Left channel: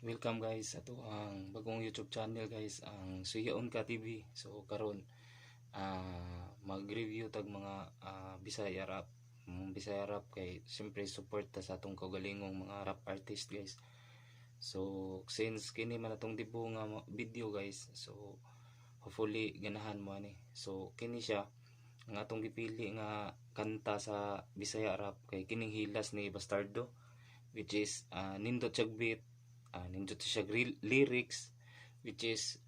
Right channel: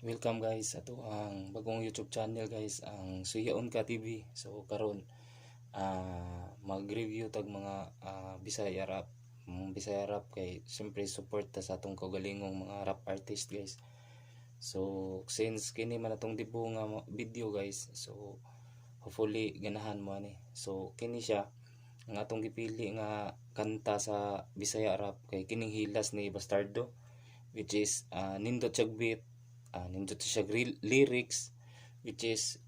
Welcome guys ato ang bagong YouTube channel guys, ang Suyaon Ka TV. So karon mag-review tag mga Bisaya rap. Bisaya rap kay siyempre support ta sa atong kaugalingong mga rap artist guys. So since kini man atong dibo nga video guys, so hopefully ganahan mo ani. So kini siya ang atong gipili nga kanta sa Bisaya rap kay kining Hilas ni Bastardo, which is nindot siya beat, nindot siya lyrics, which is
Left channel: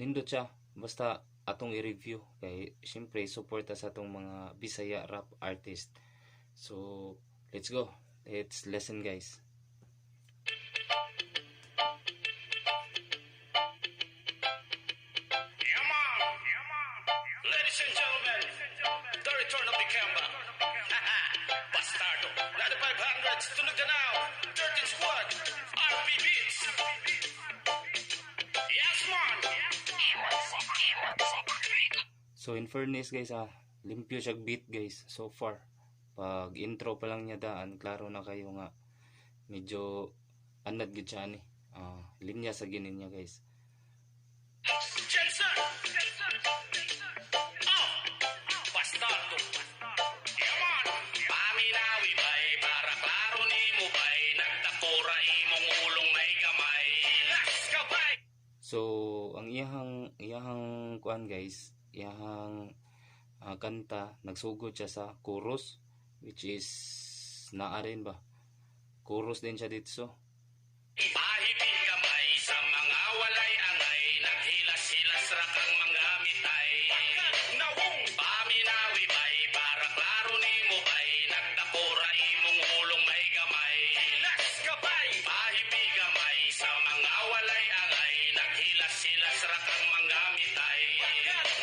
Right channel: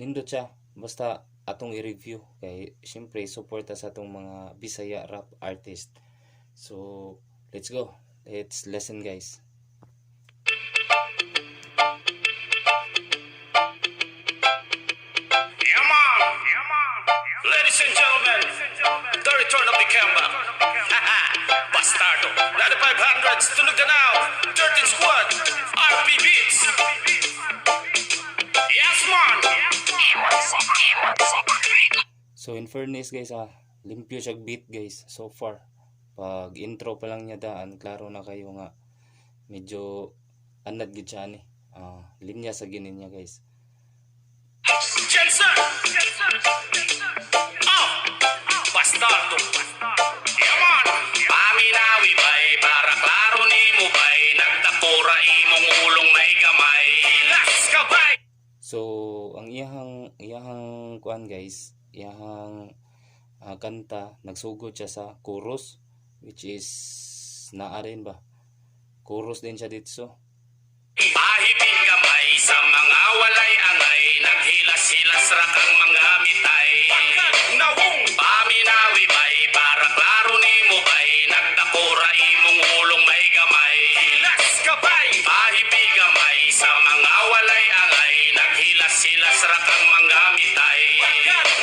nindot siya. Basta atong i-review kay siyempre suporta sa atong mga Bisaya rap artist. So let's go, let's listen guys. Ladies and gentlemen, the return of the comeback. Bastardo. 9500s, tunog na now. 13 squad, RP Beats. Yes, man. So in fairness guys, limpyo siya beat guys so far. Pag intro pa lang niya daan, klaro na kayo nga medyo anad gid siya ni. Linya sa ginin niya guys. Jensen. Bastardo. Yaman. Paminawi bay, para klaro ni mo bay. Nagtapura imong ulong may gamay. Hilas ka bay. So ang iyahang kuan guys, iyahang kanta nagsugod siya sa chorus, which is naa rin ba? Chorus din siya dito. Pahipin kamay sa mga walay angay. Naghilas-hilas ra kang mga mitay. Nawong paminawi bay, para klaro ni mo bay. Nagtakura imong ulong may gamay. Hilas ka bay. Pahipin kamay sa mga walay angay. Naghilas-hilas ra kang mga mitay.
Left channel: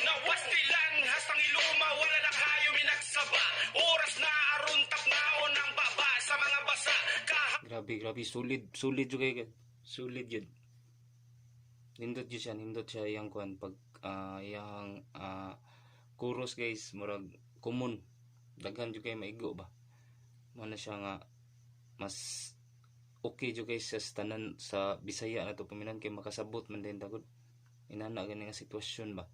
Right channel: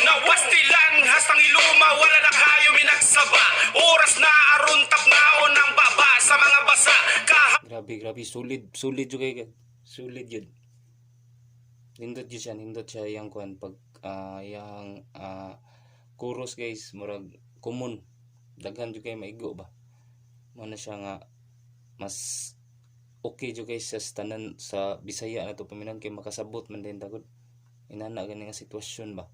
Nawastilan hastang iluma, wala na kayo minagsaba. Oras na aron tapnaon ng baba sa mga basa. Grabe, sulit jud kay sulit yun. Nindot siya yang kuan pag yang chorus guys, murag common. Daghan jud kay maigo ba. Mo na siya nga mas okay jud guys sa tanan sa Bisaya na to paminan kay makasabot man din tagod. Inana gani nga sitwasyon ba.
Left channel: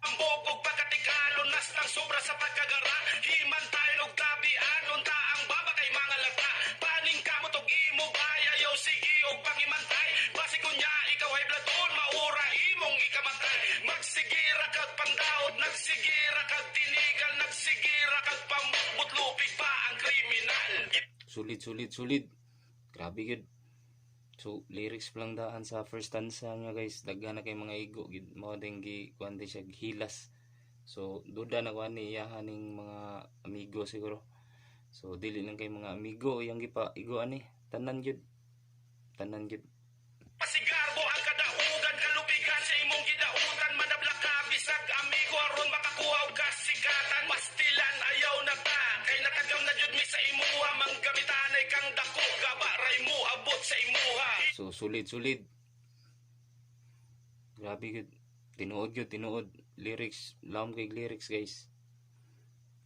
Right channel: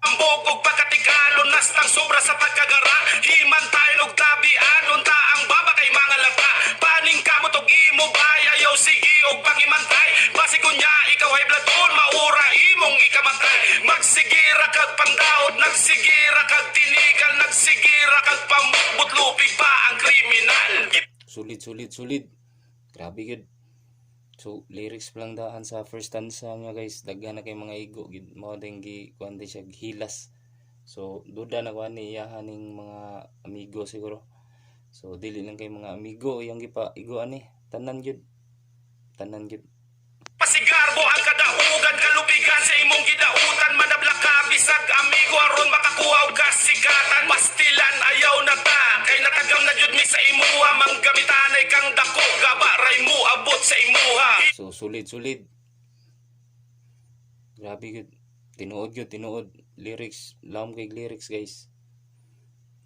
Ang bugog pagkatigalon nastang sobra sa pagkagara. Himan tayo og tabi anon ta ang baba kay mga lata. Paning kamot og imo bay, ayaw sige og pangimantay. Basi kunya ikaw ay bladon, maura imong ikamatay. Magsigira kag pandaot, nagsigira kag tinigal, nagsigira kag pambutlupig pa ang kriminal. Sulit. Grabe gid. So lyrics pa lang daan sa first stanza niya guys, daghan na kay mga igo gid. Mao ding gi kuan di siya hilas. So duda na kuan ni iyahaning mga amigo siguro. So dili lang kay mga amigo yang gipa igo ani, tanan gid. Pasigarbo ang kadaugan, kalupigan sa imong gidautan. Manabla ka bisag amigo aron makakuha og kasigatan. Pastilan ayaw na ta, kay natagam na jud mi sa imuha. Manggamitanay kang dako, gabaray mo abot sa imuha. So sulit. Grabe gid. Tinuod lyrics, laom kay lyrics guys.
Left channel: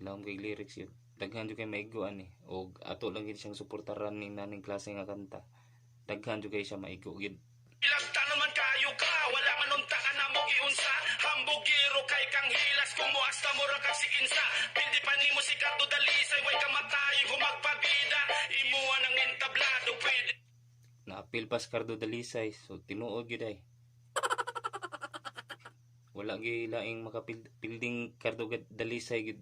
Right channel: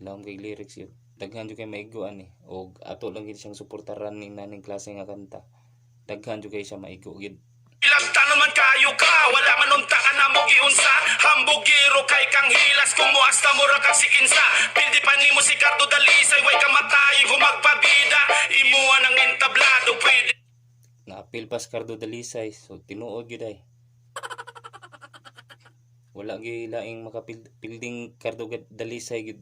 Yun. Daghan jud kay maigo ani, og ato lang gid siyang suportaran ning naning klase nga kanta. Daghan jud kay siya maigo gid. Ilagtanon man kayo ka, wala man unta ka na mo giunsa. Hambugiro kay kang hilas, kung muasta mo ra kag sikinsa. Pildi pa nimo si Cardo Dalisay, way ka matayin kung magpabida. Imuha ng entablado, pwede. Naapil pas Cardo Dalisay, so tinuod gid ay. Wala gyud laing makapilding Cardo Dalisay gid.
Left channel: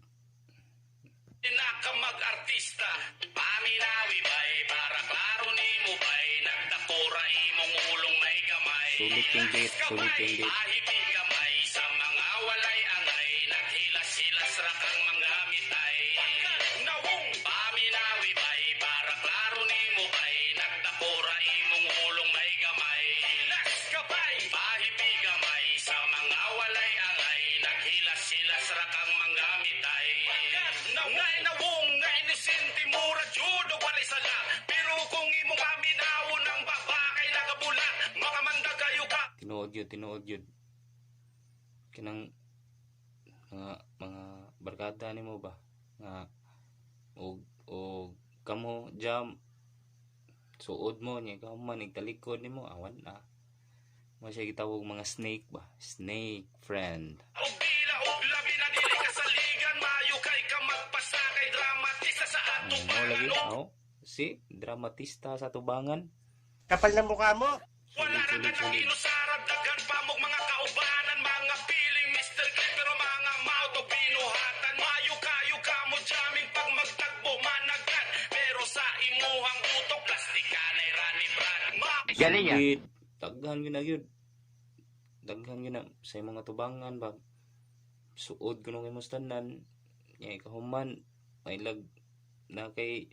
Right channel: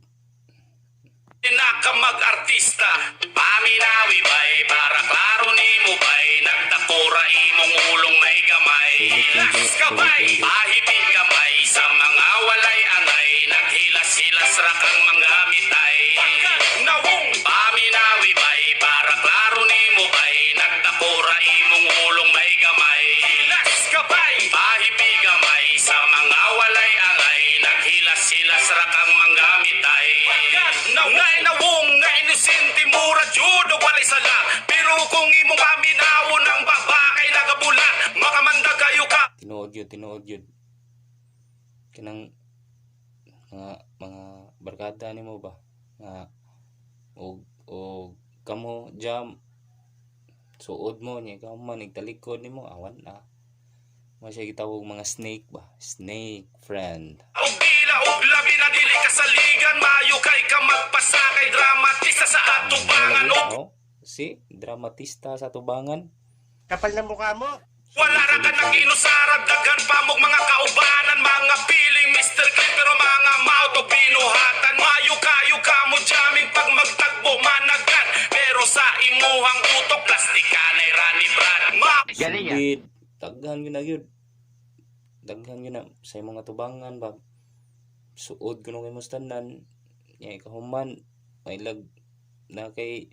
Ka mag-artista, paminawi bay, para klaro ni mo bay. Nagtakura imong ulong may gamay. Hilas ka bay, pahipin kamay sa mga walay angay. Naghilas-hilas ra kang mga mitay. Nawong paminawi bay, para klaro ni mo bay. Nagtakura imong ulong may gamay. Hilas ka bay, pahipin kamay sa mga walay angay. Naghilas-hilas ra kang mga mitay. Ngay nawong nga inisente mura judo walay sala. Pero kung imong paminawon ang baba kay nagabula, makamanda kayo ka. Tinuod yun. Kinang mga barkada nimo ba nga og kamo jam suod mo niya ikaw man nagtalikod nimo awan na mo siya gitawag mga snake ba, snake friend. Og dila og labi na dili kasaligan maayo kay ka magpasakay dramatista sa atubangan og si dramatista sa tubangan. Kapal ng mukha mo. wala ra ka nang inusarad daghan pa mong mga kaubanan mga piling Mr. Clean pero mga mouth og binuhatan maayo kayo ka mo jamming pag magtagbo managan pero sa imuhang utok plastikanay rani brad Galing yan. Daghan yun na yun. Daghan yun na sa mga tubangan ba. Suod ko nung imustanan. Nga ikahuman. May lag na kay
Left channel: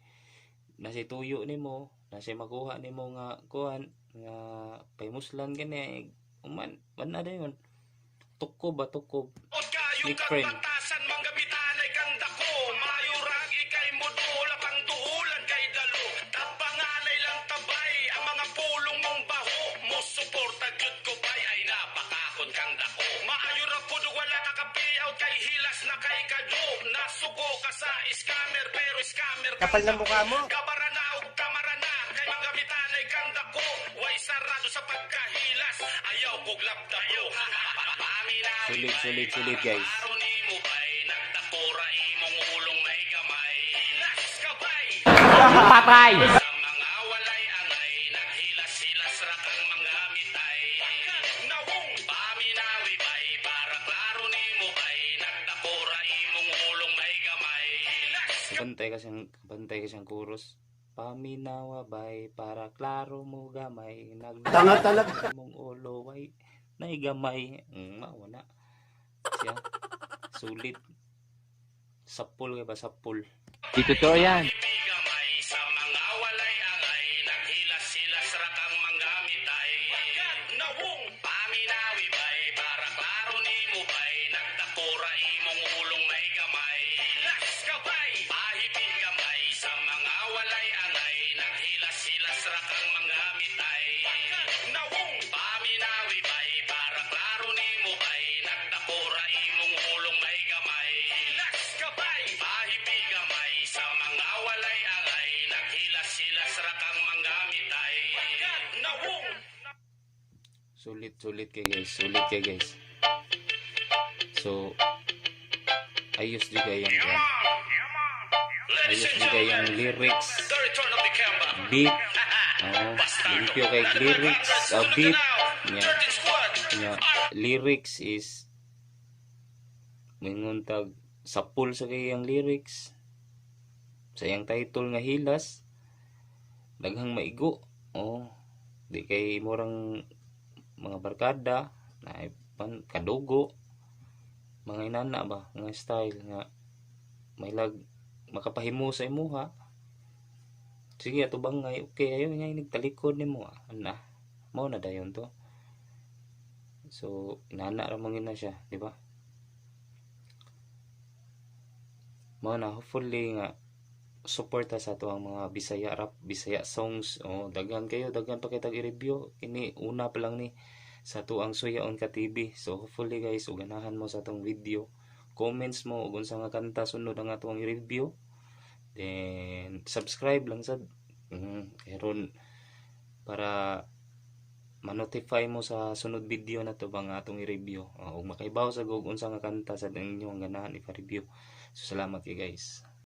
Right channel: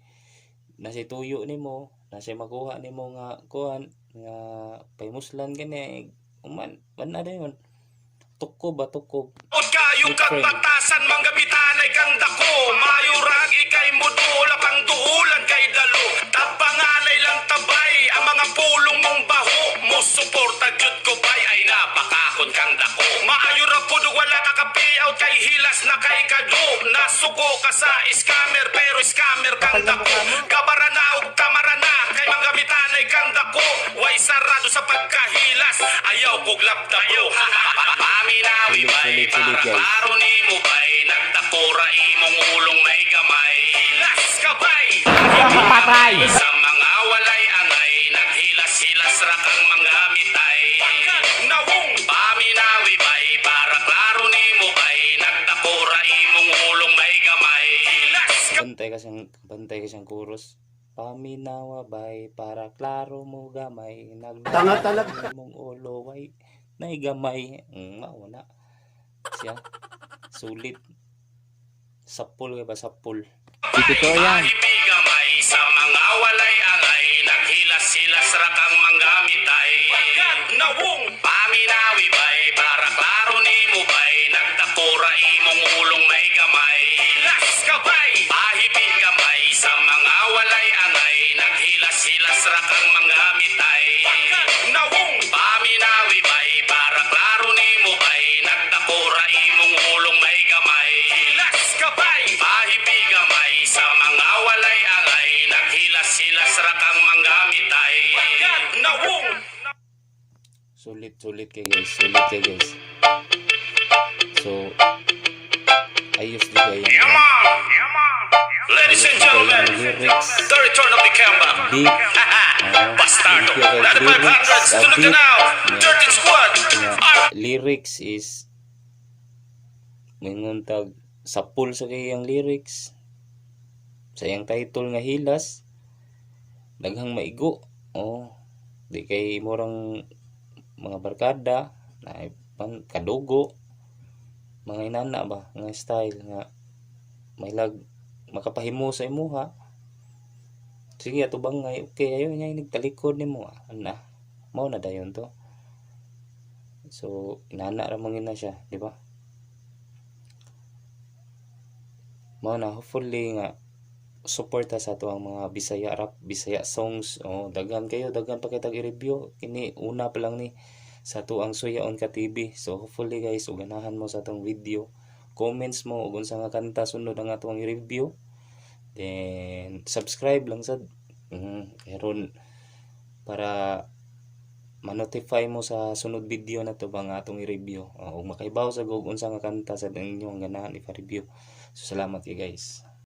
nasi tuyo ni mo. Nasi makuha ni mo nga kuhan. Nga paymuslan gani. Uman. Mana na yun. Tukob ba tukob. od kayo kang batasan manggamitanay kang dako maayo rag ikay modula pang duulan kay dalo tabanganay lang tabay ang mga pulong mong baho mo suporta jud ko bay ay napakahon kang dako maayo ra pud wala ka kapiaw kay hilas na kay kado nasuko ka sa scammer pero scammer kang Kapal ng dako mukha mo. kabara na og tamara na kay manggamitanay kang dako way sarado sa pagkahilas ayaw kog labdayo paminawi bay para klaro nimo bay nagtakura imong ulong may gamay hilas ka bay Patay! sa mga walay angay naghilas-hilas ra kang mga mitay nawong paminawi bay para klaro nimo bay nagtakura imong ulong may gamay hilas ka Bantay kasang chorus. Paminawa bay para klaro mo gamay. Tanga talaga. Mong ulo way naigamay. Wala. Siya. Sulit. Sapul kay ba sapul. Di totoo yan. Ibigamay sa mga walay angay naghilas-hilas ra kang mga mitay nawong paminawi bay para klaro nimo bay nagtakura imong ulong may gamay hilas ka bay pahibig gamay sa mga walay angay naghilas-hilas ra kang mga mitay nawong paminawi bay para klaro nimo bay nagtakura imong ulong may gamay hilas ka bay pahibig gamay sa mga walay angay naghilas-hilas ra kang mga mitay nawong Sulit kay guys. Sulit kay guys. So ayos di kayo. Ladies and gentlemen, the return of the Kemba. Big Bastardo. thank you, guys. 9500s to look now. 13 squad. Lyrics is mingon tag sapul sa kayang lyrics sa iyang title nga hilas daghang maigo di kay murang mga barkada na kadugo mga inana ba nga style nga may lag makapahimo sa imuha sige atubang nga okay ayo nya nigtalikod nimo ana mao na dayon to so inana ra mangin na siya di ba mao na hopefully nga suporta sa ato ang mga Bisaya rap, Bisaya songs. Daghan kayo, daghan pa kitag i-review. Ini una pa lang ni sa ato ang Suyaon ka TV. So hopefully guys, uganahan mo sa atong video. Comments mo ug unsa nga kanta sunod ang atong i-review. Then subscribe lang sad. Karon para ma-notify mo sa sunod video na to bang atong i-review. Ug makaibaw sa gug unsa nga kanta sa inyong ganahan i-review. So salamat kay guys.